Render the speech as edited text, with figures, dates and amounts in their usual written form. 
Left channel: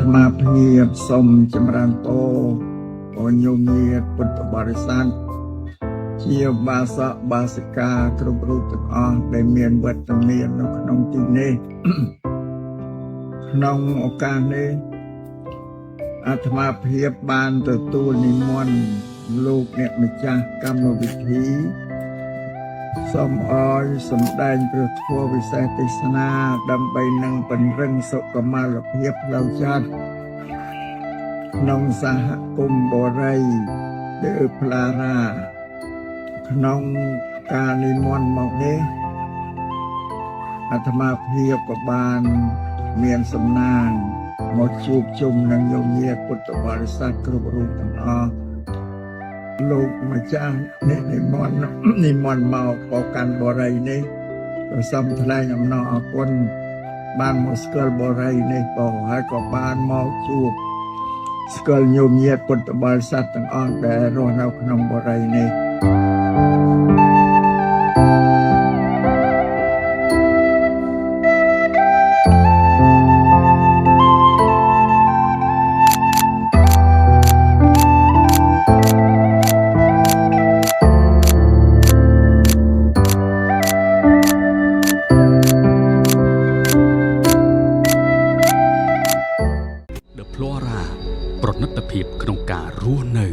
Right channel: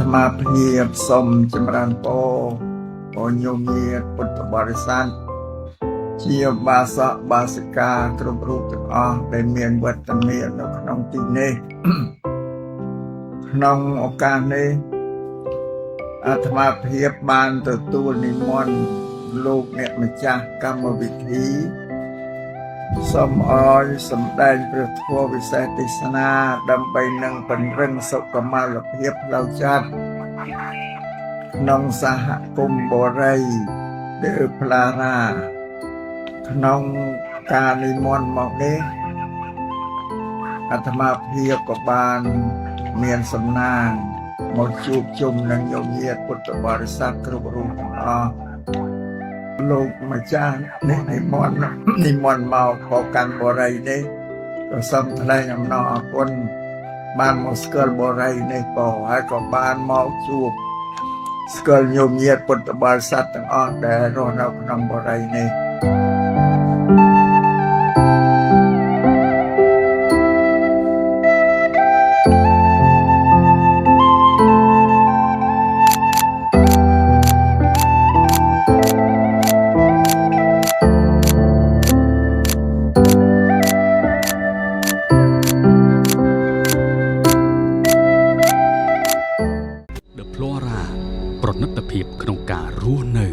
ត្មាភាពសូមចម្រើនពរឲ្យញោមញាតិពុទ្ធបរិស័ទជាបាសកបាសិកាគ្រប់រូបទាំងអស់ដែលមានវត្តមាននៅក្នុងទីនេះក្នុងឱកាសនេះអាត្មាភាពបានទទួលនិមន្តលោកអ្នកម្ចាស់កម្មវិធីសូមឲ្យសម្ដែងព្រះធម៌វិសេសទេសនាដើម្បីនឹងពង្រឹងសុខុមាលភាពផ្លូវចិត្តក្នុងសហគមន៍បរិយលើផ្លាណាក្នុងការនិមន្តមកនេះអាត្មាភាពក៏បានមានសំណាងមកជួបជុំនឹងញោមញាតិពុទ្ធបរិស័ទគ្រប់រូបទាំងអស់លោកម្ចាស់នេះនិមន្តមកបកាន់បរិយនេះក៏សូមថ្លែងអំណរអគុណបានមកស្គាល់បរិយនេះក៏ហើយក៏បានមកជួបស្គាល់ញោមញាតិពុទ្ធបរិស័ទទាំងអស់ដែលរស់នៅក្នុងបរិយនេះThe Flora ប្រណិតភាពក្នុងការរស់នៅ